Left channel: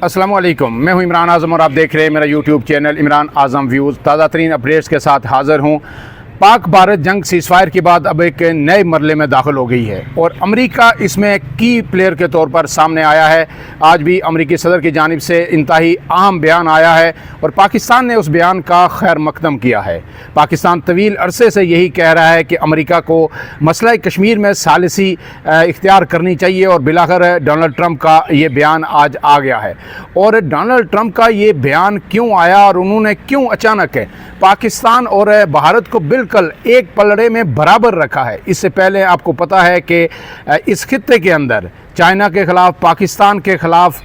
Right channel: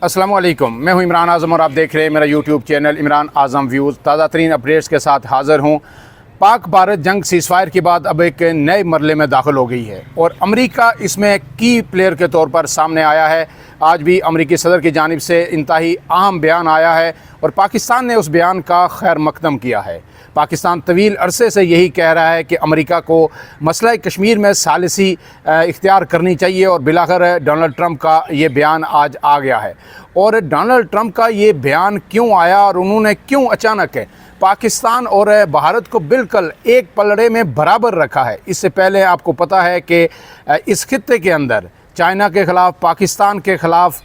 अस्सलाम वालेकुम, मैं हूं इमरान आज़म और आप देख रहे हैं मेरा यूट्यूब चैनल इमरान आज़म व्यूज़। ताज़ा तरीन अपडेट्स के साथ हाज़िर हूं। पाक भारत जंग सीज़फायर के बाद अब एक नए मरले में दाखिल हो गई है और अमेरिका इसमें की प्लेयर के तौर पर सामने आया है। आज भी अमेरिकी सदर की जानिब से इंतहाई अहम बयान आया है और पाकिस्तान ने उस बयान का खैर मकदम किया है। पाकिस्तान तवील अरसे से यही कह रहा है कि अमेरिका को मसला कश्मीर में सालिसी इख्तियार करनी चाहिए और बिलाखिर डोनाल्ड ट्रंप का ये बयान आज आ गया है। और डोनाल्ड ट्रंप का ये बयान क्यों आया और उन्होंने क्यों अचानक पाकिस्तान और भारत को बिल्कुल एक पलड़े में बराबर रखा है। इससे पहले आपको पता है कि इस खित्ते के अंदर चाइना के ख़िलाफ़, पाकिस्तान के ख़िलाफ़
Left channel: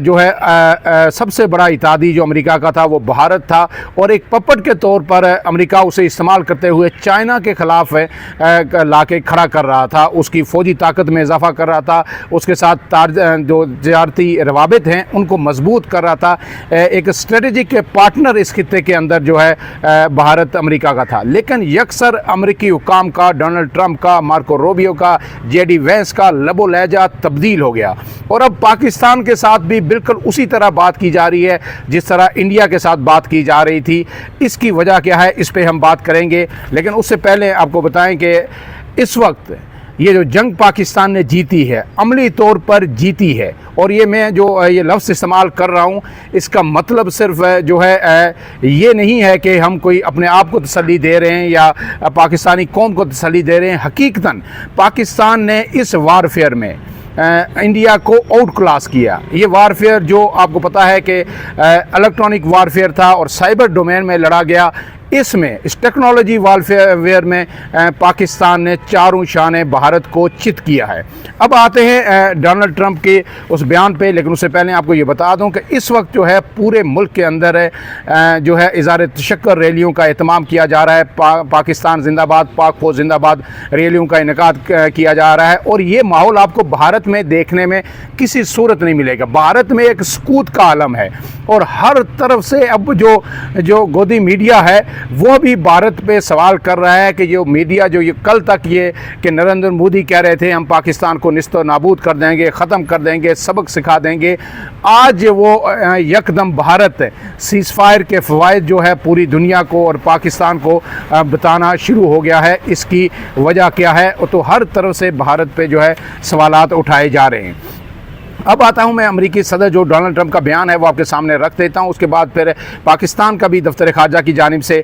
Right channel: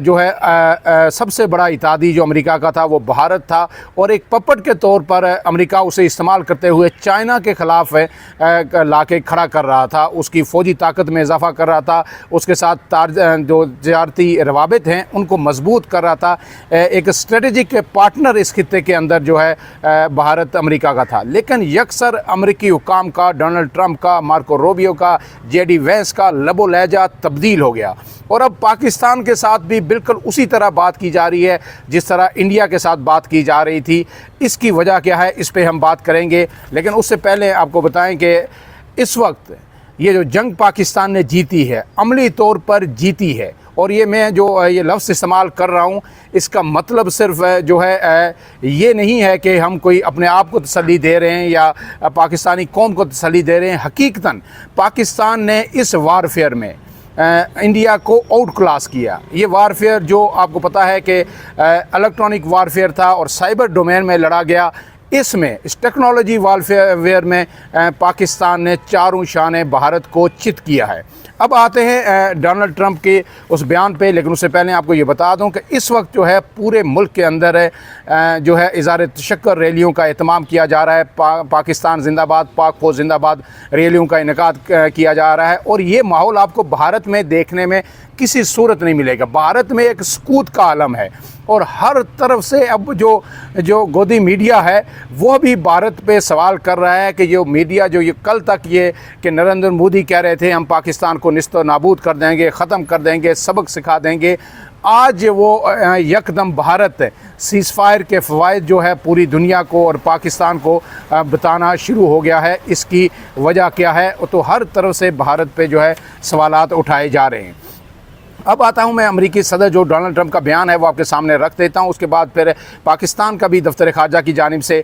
जो है सबसे बड़ा इत्तेहादी जो अमेरिका का था वो भारत था और एक पपट के तौर पर अमेरिका उसे इस्तेमाल करते हुए चाइना के ख़िलाफ़ लाके खड़ा कर रहा था, उसकी फ़ौजी ताकत में इजाफ़ा कर रहा था, उसके साथ जो तजारती रवाबित हैं उनको मजबूत कर रहा था। एक स्ट्रेटजिक पार्टनर इस खित्ते के अंदर जो है भारत अमेरिका का था। लेकिन यकसर अमेरिकी हुकाम का, डोनाल्ड ट्रंप का, मार्को रूबियो का, JD वैंस का लबो लहजा तब्दील हो गया और अब पाकिस्तान के साथ भी बिल्कुल उसी तरह बात की जा रही है जिस तरह इंडिया के साथ बात की जा रही थी। इसकी वजह क्या है, इस पे हम बात करेंगे। लेकिन उससे पहले आपको बताएं कि इस वक्त ये जो जंग पाकिस्तान ने जीती है, अमली तौर पर जीती है। और ये मैं जो ये लफ्ज़ इस्तेमाल कर रहा हूँ, इसका मतलब सिर्फ जो है ये नहीं है कि हम कोई अपने आप को तसल्ली दे रहे हैं या पाकिस्तानी कौम को तसल्ली दे रहे हैं। हकीकतन पाकिस्तान ने इस वारफेयर में इंडिया को आउट क्लास किया। ये वारफेयर जो आपको पता है कि इलेक्ट्रॉनिक वारफेयर था और साइबर डोमेन में लड़ा गया, इसमें इस टेक्नोलॉजी वारफेयर में पाकिस्तान ने चारों शाने भारत को चित किया है। अब आते हैं डोनाल्ड ट्रंप के उस बयान पे। लेकिन उससे पहले आपको ये बता दूं कि इस वक्त जो है पूरे मुल्क के अंदर जो है इज़हार तशक्कुर रैलियों का एहतमाम किया जा रहा है। पाकिस्तान जिंदाबाद, पाक फौज जिंदाबाद रैलियों का इनेकाद किया जा रहा है और ये माहौल आपको भारत में देखने में किसी सूरत नहीं मिलेगा। भारत में एक सकूत का आलम है और हर तरफ से अब जो गोदी मीडिया है वो भी भारत पे सवाल कर रहा है कि जो मीडिया जो ये कल तक ये कि नरेंद्र मोदी कह रहे थे हम पाकिस्तान को निस्तो नाबूद कर देंगे, ख़त्म कर देंगे, सबक सिखा देंगे, आज वो यकदम भारत सीज़फायर के फ़वाइद जो है पूरी दुनिया को और पाकिस्तान को बताना शुरू हो गया है। इसकी वजह क्या है? तो हर तरफ से भारत पे जो है सवालात उठाए जा रहे हैं। अब आता हूं मैं अमेरिकी सदर जो डोनाल्ड ट्रंप का बयान है वो आपके सामने रख देता हूं। उसके बाद फिर पाकिस्तान का भी दफ्तर ख़ारजा की जानिब से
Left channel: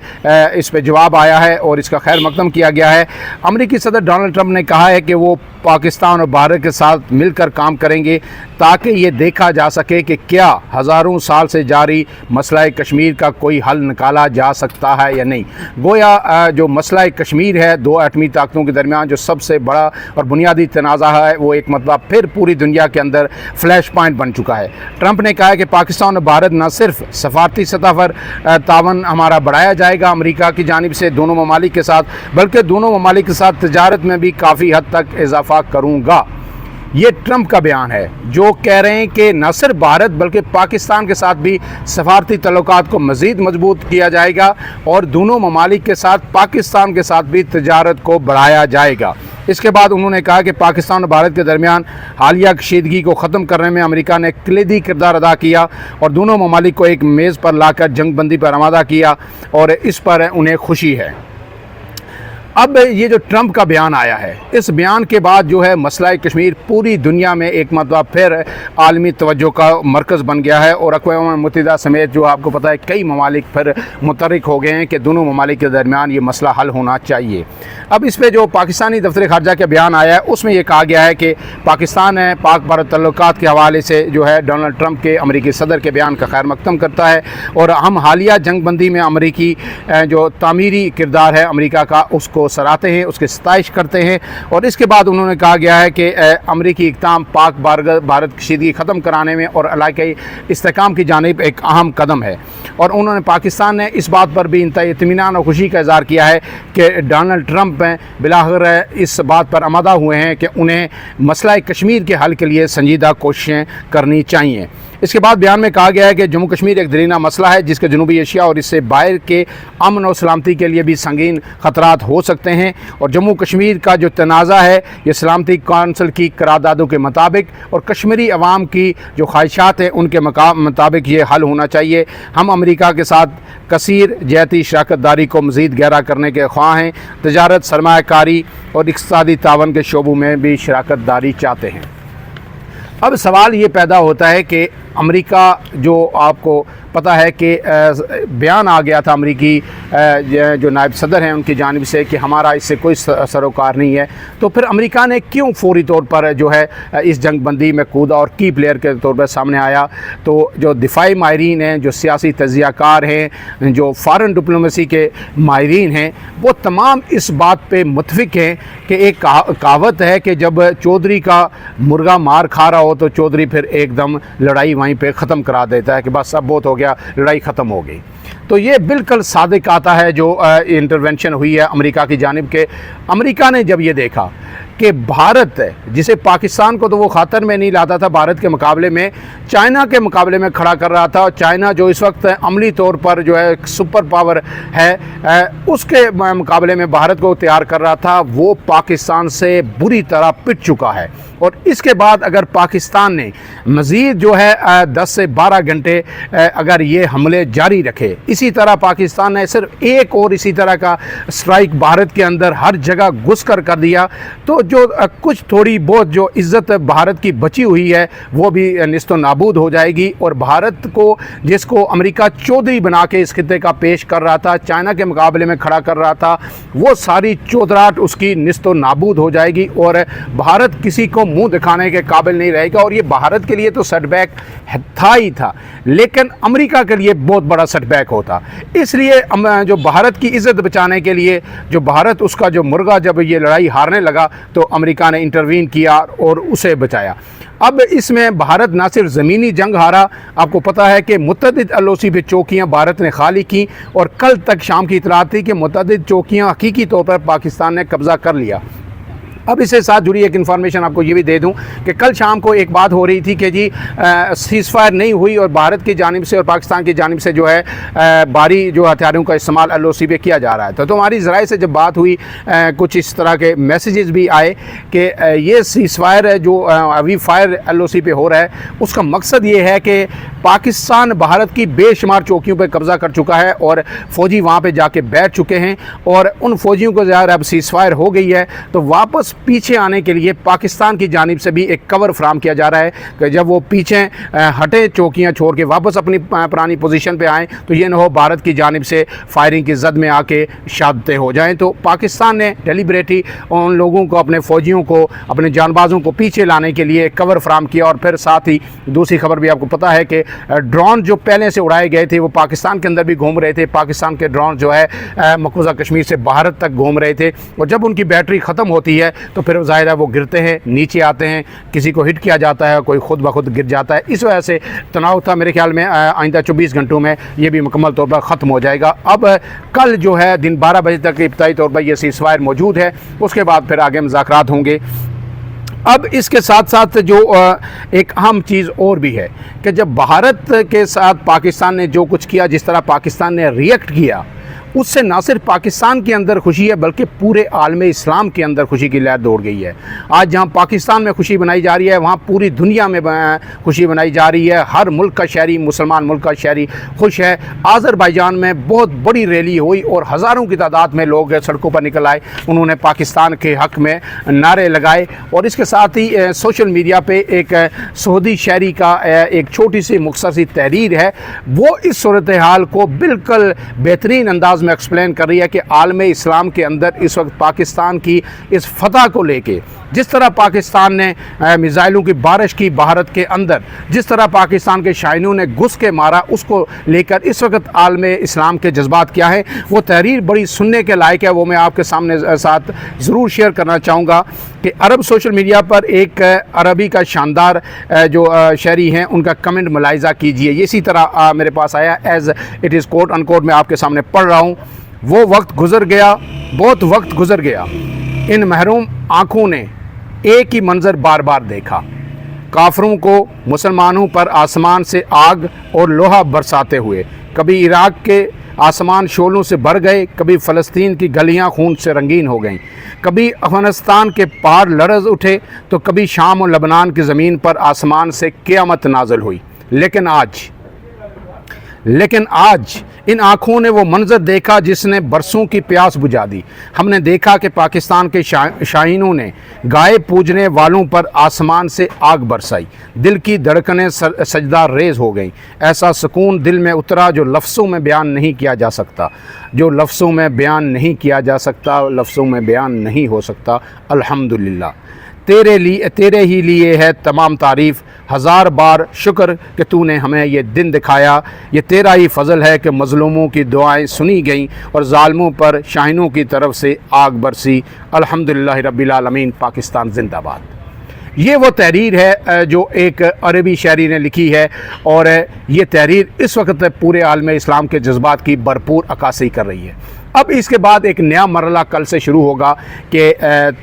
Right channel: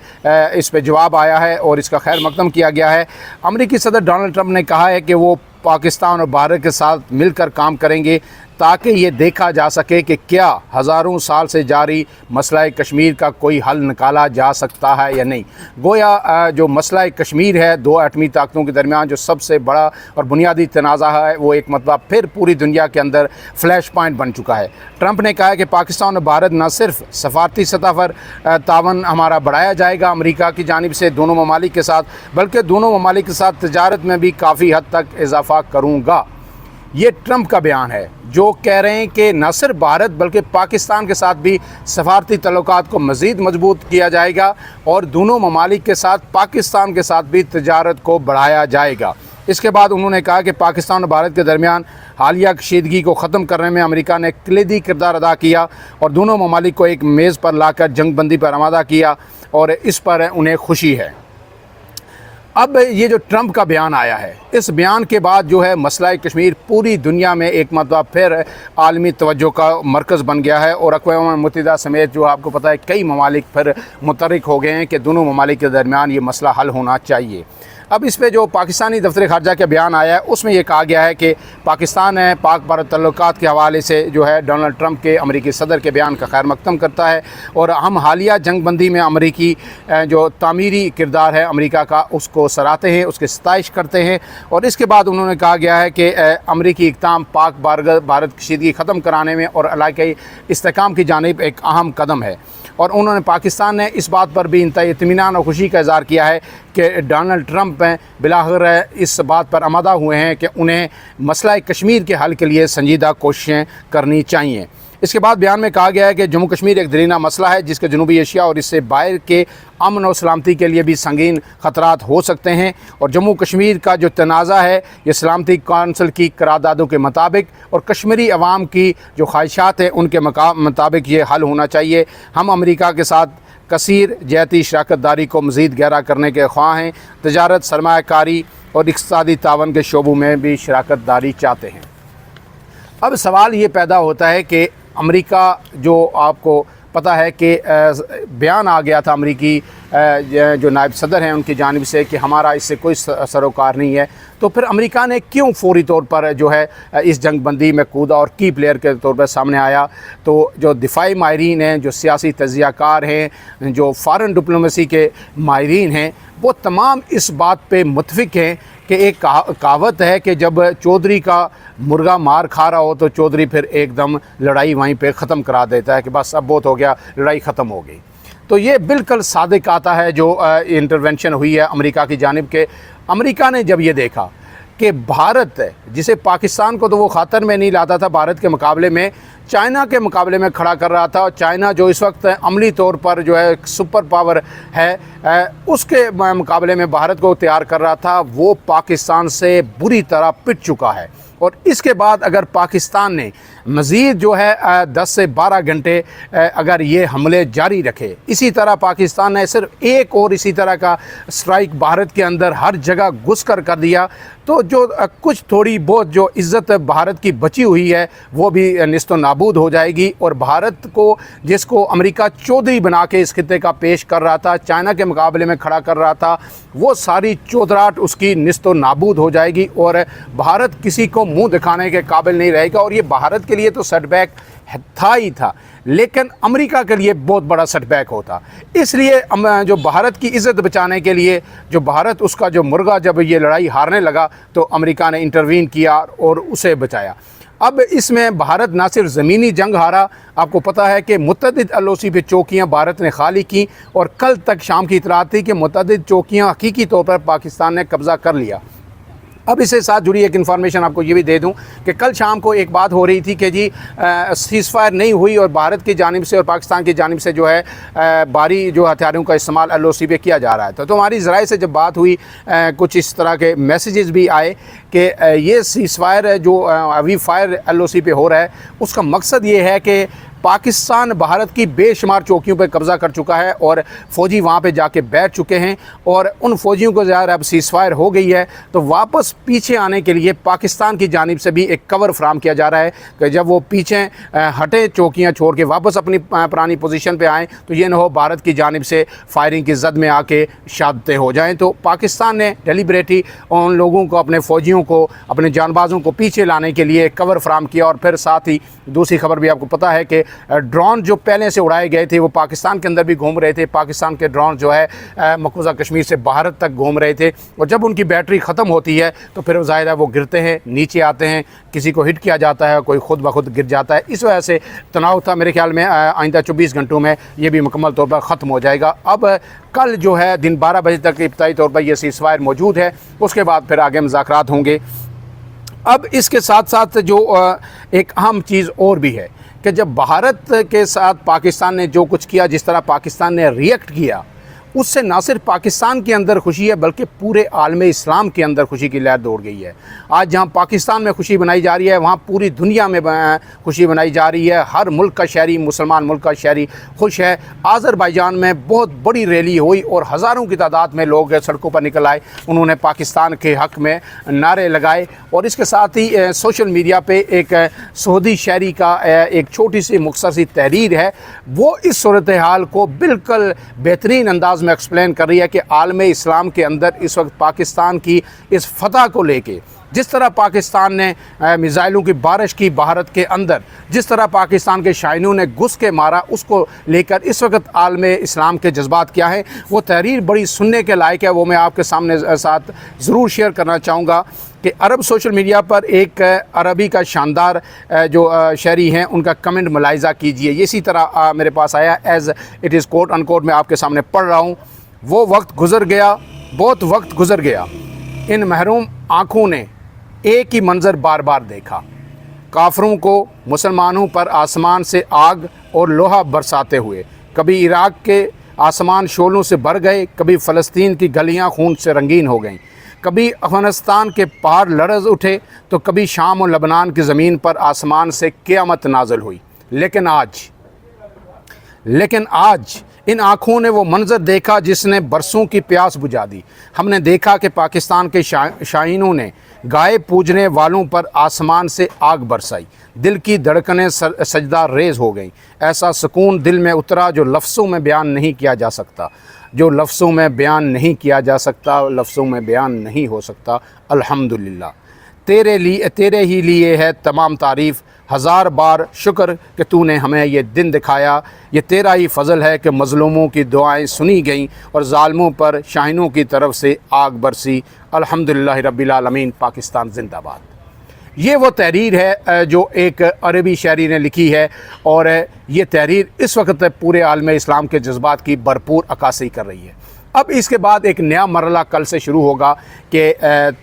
इस पे जवाब आया है और इसका खैर मकदम किया गया है। अमेरिकी सदर डोनाल्ड ट्रंप ने कहा है कि वो पाकिस्तान और भारत के साथ मिलकर काम करेंगे ताकि ये देखा जा सके कि क्या हज़ारों साल से जारी मसला कश्मीर का कोई हल निकाला जा सकता है या नहीं। गोया जो मसला कश्मीर है दो एटमी ताकतों के दरमियान जो सबसे बड़ा और बुनियादी तनाज़ा है वो एक मतलब फिर पूरी दुनिया के अंदर फ्लैश पॉइंट बन चुका है। ट्रंप ने कहा है कि पाकिस्तान और भारत न सिर्फ सफारती सतह पर तावन हमारा बढ़ाया जाएगा अमेरिका की जानिब से दोनों ममालिक के साथ, बल्कि दोनों ममालिक के साथ तजारत में भी काफ़ी हद तक इजाफा करूँगा। ये ट्रंप का बयान है जो कह रहे हैं कि न सिर्फ भारत बल्कि पाकिस्तान के साथ भी सफारती तल्लुकात को मज़ीद मजबूत किया जाएगा और दोनों ममालिक के साथ पाकिस्तान के साथ भी तजारत को बढ़ाया जाएगा। इसके बाद उन्होंने कहा कि पाकिस्तान और भारत के दरमियान हालिया कशीदगी को ख़त्म करने में अमेरिका ने कलीदी किरदार अदा किया और दोनों ममालिक को एक मेज़ पर लाकर जंग बंदी पर आमादा किया और इस पर उन्हें खुशी है। अब ये जो ट्रंप का बयान आया है, इस बयान के बाद जो है मसला कश्मीर पूरी दुनिया में एक मतलब फिर आलमी तवज्जो का मरकज़ बन गया है और अक़वाम मुत्तहिदा समेत जो आपको पता है कई ममालिक फिर मुतहर्रिक हो गए हैं कि दोनों ममालिक के दरमियान ये मसला हल होना चाहिए। अब इस पे जो पाकिस्तानी दफ्तर ख़ारजा का बयान आया है उसमें ये कहा गया है कि पाकिस्तान है पाक भारत तल्लुकात के हवाले से जो है डोनाल्ड ट्रंप के अमेरिकी सदर के बयान का खैर मकदम करता है और हम हालिया जंग बंदी में अमेरिकी जो तामीरी किरदार है अमेरिका का उसको सराहते हैं, उसकी सताइश करते हैं। और इसके बाद उन्होंने कहा गया है कि अमेरिकी इक़दाम पाक भारत कशीदगी ख़त्म कराने में और इलाक़ाई इस्तेहकाम की जानिब एक अहम कदम है। और उन्होंने पाकिस्तान ने इस बात पर भी इंतहाई इत्मीनान और खुशी का इज़हार किया है कि डोनाल्ड ट्रंप बिलाखिर इस बात पर आमादा हुए हैं कि उन्हें मसला कश्मीर के हल के लिए संजीदा कोशिशें करनी चाहिए। اس کے بعد بیان میں کہا گیا ہے کہ جموں کشمیر ایک درینہ مسئلہ ہے جس کے جنوبی ایشیا اور اس سے باہر کے امن و سلامتی کے لیے بھی سنگین خطرات ہو سکتے ہیں، اور جموں کشمیر کا جو تنازع ہے یہ سلامتی کونسل کی قراردادوں کے مطابق اور کشمیری عوام کی جو خواہشات ہیں ان کے مطابق یہ حل ہونا چاہیے۔ ہم امریکہ کے ساتھ کثیر جہتی شراکت داری کو مزید گہرا کرنے کے خواہاں ہیں، تجارت، سرمایہ کاری اور اقتصادی تعاون کے شعبوں میں بھی شراکت داری چاہتے ہیں۔ اب سوال یہ پیدا ہوتا ہے کہ امریکہ جو آپ کو پتہ ہے کہ بیان آ گیا تھا امریکی جو نائب صدر ہیں ان کی جانب سے کہ ہمارا اس سے کوئی سروکار نہیں ہے، تو پھر امریکہ نے کیوں فوری طور پر جو ہے اس جنگ بندی میں کودا اور کی پلیئر کے طور پر سامنے آیا؟ تو جو دفاعی ماہرین ہیں، جو سیاسی تجزیہ کار ہیں، جو فارن ڈپلومیسی کے ماہرین ہیں، وہ تمام اس بات پہ متفق ہیں کہ ایک کہاوت ہے کہ جب چودھری کا مرغا مار کھا رہا ہو تو چودھری پھر ایک دم لڑائی وہیں پہ ختم کرا دیتا ہے کہ بس اب بہت ہو گیا، لڑائی ختم ہو گئی۔ تو یہ بالکل صادق آتا ہے جو انٹرونشن ہوئی ہے امریکہ کی جانب کے۔ امریکہ نے جب یہ دیکھا کہ بھارت جسے پاکستان کو تو وہ خاطر میں نہیں لاتا تھا، بھارت کے مقابلے میں چائنا کے مقابلے میں کھڑا کر رہا تھا، اور چائنا جو اس وقت عملی طور پر جو ہے سپر پاور ہے، اس کے مقابلے میں بھارت کو تیار کر رہا تھا، وہ پاکستان سے بری طرح پٹ چکا ہے۔ اور اس کے بعد اگر پاکستان نے مزید جو ہے 10 سے 12 گھنٹے اگر یہ حملے جاری رکھے، اسی طرح پاکستان نے صرف ایک اور اسی طرح کا سٹرائک بھارت کے اندر ہر جگہ گھس کر دیا، تو جو کچھ تھوڑی بہت جو عزت بھارت کی بچی ہوئی ہے وہ بھی نیست و نابود ہو جائے گی، اور بھارت کو جس کو امریکہ چودھری بنا کے اس خطے کا پیش کر رہا تھا، چائنا کے مقابلے میں کھڑا کر رہا تھا، وہ ساری چودراہٹ اس کی نیست و نابود ہو جائے گی، اور بھارت کسی کو منہ دکھانے کے قابل نہیں رہے گا۔ اور یہ بھارت کے لیے تو سیٹ بیک تھا ہی تھا، لیکن امریکہ کے لیے بہت بڑا سیٹ بیک ہوتا۔ اس لیے جو بھارت کی عزت بچانے کے لیے، جو بھارت اس کا جو مرغا جب یہ لڑائی ہارنے لگا تو امریکہ نے انٹروین کیا اور اسے بچایا۔ اب اس میں بھارت نہ صرف زمینی جنگ ہارا، آپ کو پتہ ہے کہ متعدد LOC پہ چوکیاں بھارت نے خالی کی، اور کل تک شام کی اطلاعات تھی کہ متعدد چوکیاں حقیقی طور پر پاکستان نے قبضہ کر لیا۔ اب اس سے ساتھ جڑی ایک انفارمیشن آپ کو یہ بھی دے دوں کہ کل شام کو ایک بات ہو رہی تھی کہ جی سیز فائر نہیں ہوئی، اور بھارت کی جانب سے اور پاکستان کی جانب سے جو ہے بھاری جو ہتھیاروں کا استعمال LOC پہ کیا جا رہا ہے۔ تو ہماری ذرائع سے جب بات ہوئی، کچھ اس طرح کے میسیجز بھی آئے کہ یہ سیز فائر جو ابھی فائر LOC پہ ہو رہا ہے، اس کا مقصد یہ ہے کہ پاکستان بھارت کی بے شمار چوکیوں پہ قبضہ کر چکا ہے، اور فوجی وہاں پہ جا کے بیٹھ چکے ہیں، اور ان فوجیوں کو ظاہر اب سیز فائر ہو گئی ہے تو واپس پیچھے آنے کے لیے پاکستان کی جانب سے بھی ایک کور فراہم کیا جا رہا ہے کہ جب وہ پیچھے ہٹے چوکیاں چھوڑ کے واپس اپنی پرانی پوزیشن پہ آئیں تو یہ نہ ہو بھارت کی جانب سے فائرنگ کی زد میں آ کے شہادتیں ہو جائیں۔ تو پاکستان نے ڈیلیبریٹلی ان لوگوں کو، اپنے فوجیوں کو، اپنے جان بازوں کو پیچھے لانے کے لیے کور فراہم کیا، اور پھر ساتھ ہی دوسری خبر بھی آپ کو پتہ ہے کہ ڈرون جو پہلے سے اڑائے گئے تھے وہ پاکستان کے اندر بھی گھوم رہے تھے، پاکستان کے ڈرون جو ہے مقبوضہ کشمیر سے بھارت تک گھوم رہے تھے، اور جب ان کی بیٹری ختم ہوتی ہے تو پھر ظاہر ہے وہ گرتے ہیں، نیچے آتے ہیں، کسی کو ہٹ کیا جاتا ہے، کوئی خود بخود گر جاتا ہے۔ اس وجہ سے تناؤ تھا، میرے خیال میں آئندہ 24 گھنٹوں میں یہ بھی مکمل طور پر ختم ہو جائے گا۔ اب کل جو ہے دن 12 بجے تک ابتدائی طور پر یہ سیز فائر موجود ہے، اس کے بعد پھر آگے مذاکرات ہوں گے۔ اب اس کے ساتھ ساتھ جو ایک اہم چیز اور بھی ہے کہ جب بھارت کے ساتھ پاکستان نے جو کچھ کیا، جس طرح پاکستان نے ریئیکٹ کیا، اس سے نہ صرف پاکستان کے اندر خوشی ہے بلکہ پورے عالم اسلام کے اندر خوشی کی لہر دوڑ گئی ہے۔ آج جہاں پاکستان میں خوشی بنائی جا رہی ہے، وہاں پوری دنیا میں خوشی بنائی جا رہی ہے۔ ہر ملک کا شہری، مسلمان ملک کا شہری خوش ہے۔ آذربائیجان میں بہت بڑی ریلی ہوئی اور ہزاروں کی تعداد میں لوگ سڑکوں پر نکل آئے، انہوں نے پاکستان کے حق میں نعرے لگائے، اور اس کے ساتھ ہی سوشل میڈیا پہ ایک سعودی شہری کا ایک چھوٹی سی مختصر سی تحریر ہے، وہ اس صورتحال کو بالکل بہترین انداز میں ایکسپلین کر رہی ہے کہ عالم اسلام کے اندر اس وقت پاکستان کی اس فتح کو لے کے، جس طرح پاکستان نے میزائلوں کی بارش کی بھارت کے اندر، جس طرح پاکستان کے شائنوں نے گھس کے مارا، اس کو لے کر اس وقت عالم اسلام کے جذبات کیا ہے، وہ تحریر بڑی سننے کے لائق ہے۔ وہ میں آپ کے سامنے ساتھ ضرور شیئر کرنا چاہوں گا کہ عرب سوشل میڈیا پر ایک عربی کا شاندار جو شہری ہیں ان کا کمنٹ ملاحظہ کیجئے، اسی طرح میرے پاس آیا، ایز اٹ از کوٹ ان کوٹ میں آپ کے سامنے پڑھ رہا ہوں۔ وہ وقت گزر گیا، بہت وقت گزر گیا، ان محروم آنکھوں نے ایک ہی منظر بار بار دیکھا، काफरों को मुसलमानों पर आसमान से आग और लोहा बरसाते हुए। कभी इराक के आसमान शोलों से भर गए, कभी फ़लस्तीन की गलियां खून से रंगीन हो गईं, कभी अफ़गानिस्तान के पहाड़ लरज़ उठे तो कभी शाम और लबनान की ज़मीन पर आसमान से क़यामत नाज़िल हुई। लेकिन आज इन आँखों ने वो मंज़र देखा जिसने बरसों की प्यास बुझा दी। हमने देखा कि पाकिस्तान के शाहीनों ने गाय पूजने वालों पर आसमान से आग बरसाई। दिल की धड़कनें सजदा रेज़ हो गईं। ऐसा सुकून दिल में उतरा जो लफ्ज़ों में बयान नहीं किया जा सकता, लफ्ज़ों में बयान नहीं हो सकता। अल्हम्दुलिल्लाह, तेरे ही लिए है तमाम तारीफ़। हज़ार बार शुक्र कि तूने हमें ये दिन दिखाया। ये तेरा ही फ़ज़ल है कि मज़लूमों की दुआएं सुनी गईं और ज़ालिमों पर शाहीनों की तरफ से आग बरसी। अल्हम्दुलिल्लाह रब्बिल आलमीन। पाकिस्तान ज़िंदाबाद। ये वो तहरीर है जो एक अरबी शायरी ने लिखी है, और ये तहरीर इस वक्त पूरे आलम इस्लाम के जज्बात की भरपूर अक्कासी कर रही है। अब इसके बाद एक नया मरहला कल से शुरू होगा कि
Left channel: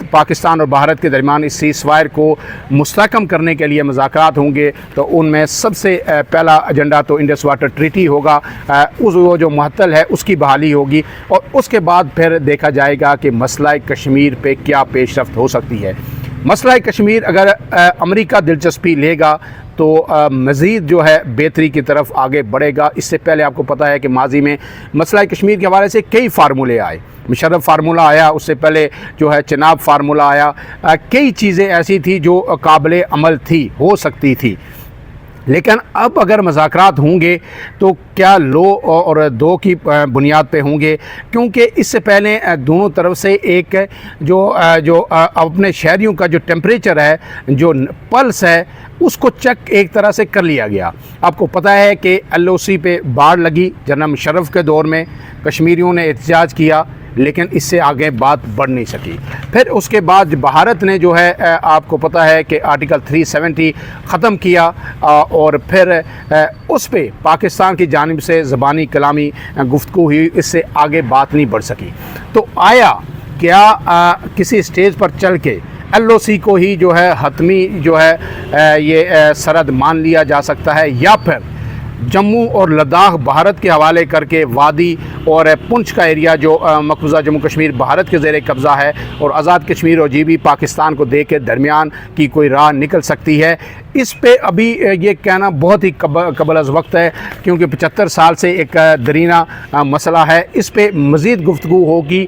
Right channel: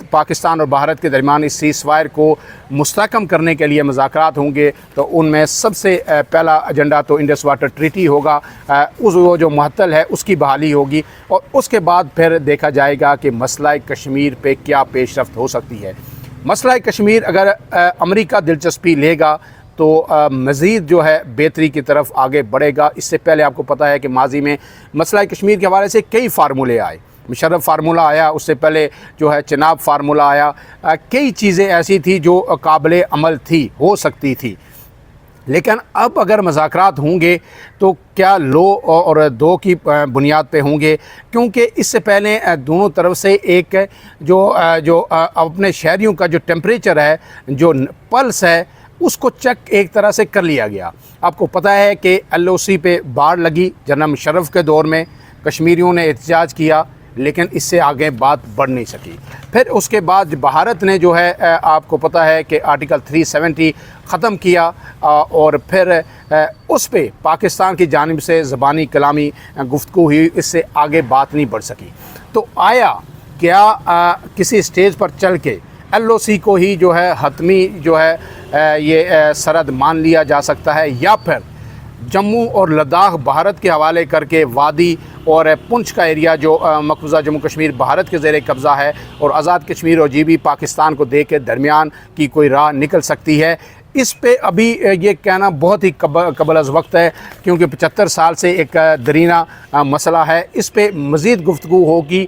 पाकिस्तान और भारत के दरमियान इस सीज़फायर को मुस्तहकम करने के लिए मुज़ाकरात होंगे। तो उनमें सबसे पहला एजेंडा तो इंडस वाटर ट्रीटी होगा, वो जो मुअत्तल है उसकी बहाली होगी, और उसके बाद फिर देखा जाएगा कि मसला कश्मीर पे क्या पेशरफ्त हो सकती है। मसला कश्मीर अगर अमेरिका दिलचस्पी लेगा तो मज़ीद जो है बेहतरी की तरफ आगे बढ़ेगा। इससे पहले आपको पता है कि माजी में मसला कश्मीर के हवाले से कई फार्मूले आए। मुशर्रफ फार्मूला आया, उससे पहले जो है चनाब फार्मूला आया। कई चीज़ें ऐसी थी जो काबिल अमल थी, हो सकती थी। लेकिन अब अगर मुज़ाकरात होंगे तो क्या लो और दो की बुनियाद पे होंगे, क्योंकि इससे पहले दोनों तरफ से एक जो अपने शहरियों का जो टेम्परेचर है, जो पल्स है, उसको चेक एक तरह से कर लिया गया। आपको पता है कि LOC पे बाढ़ लगी जनरल मुशर्रफ के दौर में, कश्मीरियों ने एहतजाज किया, लेकिन इससे आगे बात बढ़ नहीं सकी। फिर उसके बाद भारत ने जो है आपको पता है कि आर्टिकल 370 ख़त्म किया, और फिर उस पे पाकिस्तान की जानिब से ज़बानी कलामी गुफ्तगू हुई, इससे आगे बात नहीं बढ़ सकी। तो आया क्या किसी स्टेज पर चल के LOC को ही जो है हतमी जो है ये सरहद मान लिया जा सकता है, या फिर जम्मू और लद्दाख भारत के हवाले करके वादी और पुंछ का एरिया जो मकबूजा जम्मू कश्मीर भारत के ज़ेर कब्ज़ा है, और आज़ाद कश्मीर और GB पाकिस्तान को दे के दरमियान की कोई राह निकल सकती है। इस पे अभी ये कहना बहुत ही कबल अज़ वक्त है, क्योंकि 75 साल से एक दरीना मसला है। इस पे मज़ीद गुफ्तगू होगी,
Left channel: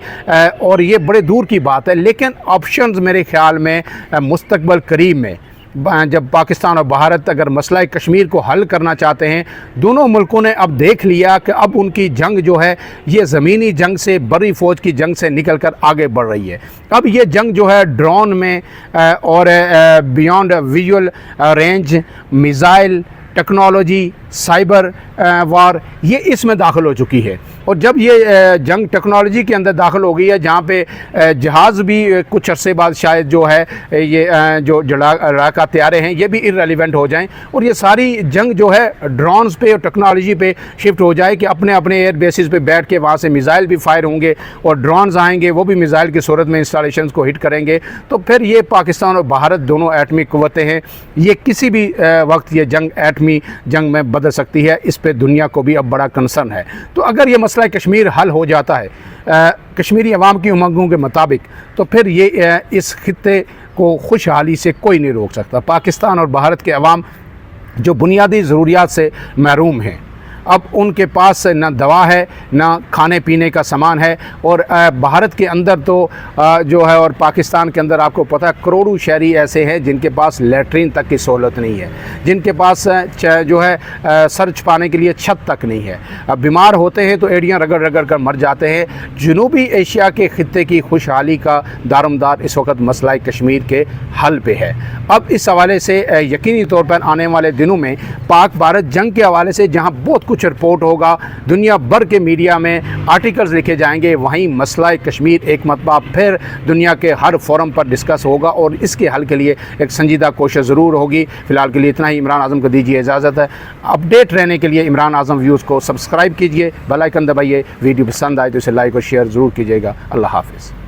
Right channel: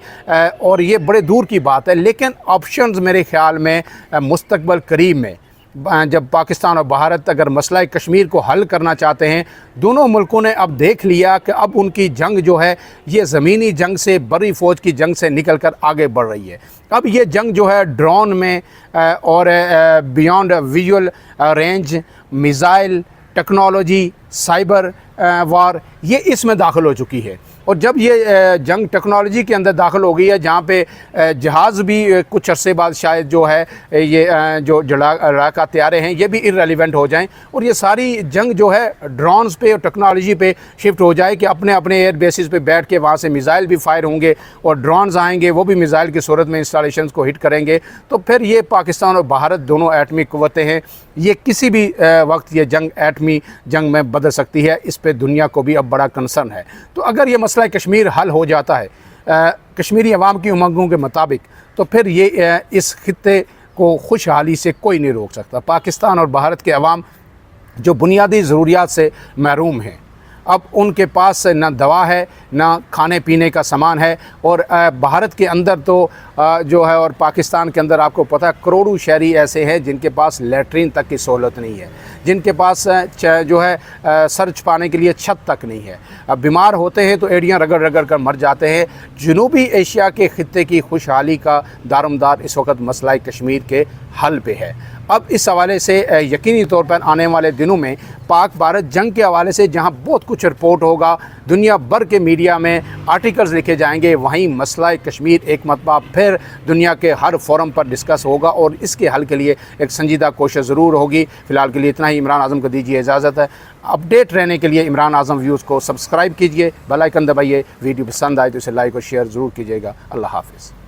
और ये बड़े दूर की बात है। लेकिन ऑप्शंस मेरे ख़्याल में मुस्तक़बल करीब में, जब पाकिस्तान और भारत अगर मसला कश्मीर को हल करना चाहते हैं, दोनों मुल्कों ने अब देख लिया कि अब उनकी जंग जो है ये ज़मीनी जंग से, बड़ी फ़ौज की जंग से निकल कर आगे बढ़ रही है। अब ये जंग जो है ड्रोन में और beyond visual range, missile technology, cyber war, ये इसमें दाखिल हो चुकी है। और जब ये जंग टेक्नोलॉजी के अंदर दाखिल हो गई है, जहाँ पे जहाज़ भी कुछ अरसे बाद शायद जो है ये जो लड़ाका तैयारे हैं ये भी इररेलेवेंट हो जाएं, और ये सारी जंग जो है ड्रोन्स पे और टेक्नोलॉजी पे शिफ्ट हो जाए कि अपने अपने एयर बेसिस पे बैठ के वहाँ से मिज़ाइल भी फायर होंगे, और ड्रोन्स आएंगे, वो भी मिज़ाइल की सूरत में इंस्टॉलेशंस को हिट करेंगे। तो फिर ये पाकिस्तान और भारत दोनों एटमी क़ुव्वतें हैं, ये किसी भी वक्त ये जंग एटमी जंग में बदल सकती है। इस पर दुनिया को भी अब बड़ा कंसर्न है। तो अगर ये मसला कश्मीर हल हो जाता है कश्मीरी अवाम की उमंगों के मुताबिक, तो फिर ये इस खित्ते को खुशहाली से कोई नहीं रोक सकता। पाकिस्तान और भारत के अवाम जो बुनियादी ज़रूरियात से महरूम हैं, अब उनके पास ना दवा है, ना खाने पीने का सामान है, और भारत के अंदर तो जो है और पाकिस्तान के अंदर आपको पता है करोड़ों शहरी ऐसे हैं जिनके पास लैट्रीन तक की सहूलत नहीं है, जिनके पास जो है सर छुपाने के लिए छत तक नहीं है। अब बीमार होते हैं तो एड़ियाँ रगड़ रगड़ कर मर जाते हैं। जनूबी एशिया के खित्ते की खुशहाली का दारोमदार इस वक्त मसला कश्मीर के हल पे है। अब इस हवाले से यकीनी तौर पर आने वाले दिनों में पाक भारत जंग के हवाले से जहां बहुत कुछ रिपोर्ट होगा, दुनिया भर के मीडिया में आर्टिकल्स लिखे जाएंगे, वहीं मसला कश्मीर एक मरतबा फिर दुनिया के हर फोरम पर डिस्कस होगा, और इसके हल के लिए एक संजीदा कोशिश ज़रूर होगी। फ़िलहाल के लिए इतना ही। इमरान आज़म को दीजिए इजाज़त है। अपडेट रहने के लिए इमरान आज़म व्यूज़ को सब्सक्राइब कीजिए, बेल आइकन दबाइए। वीडियो पसंद आए तो इसे लाइक और शेयर ज़रूर कीजिएगा। अल्लाह हाफ़िज़।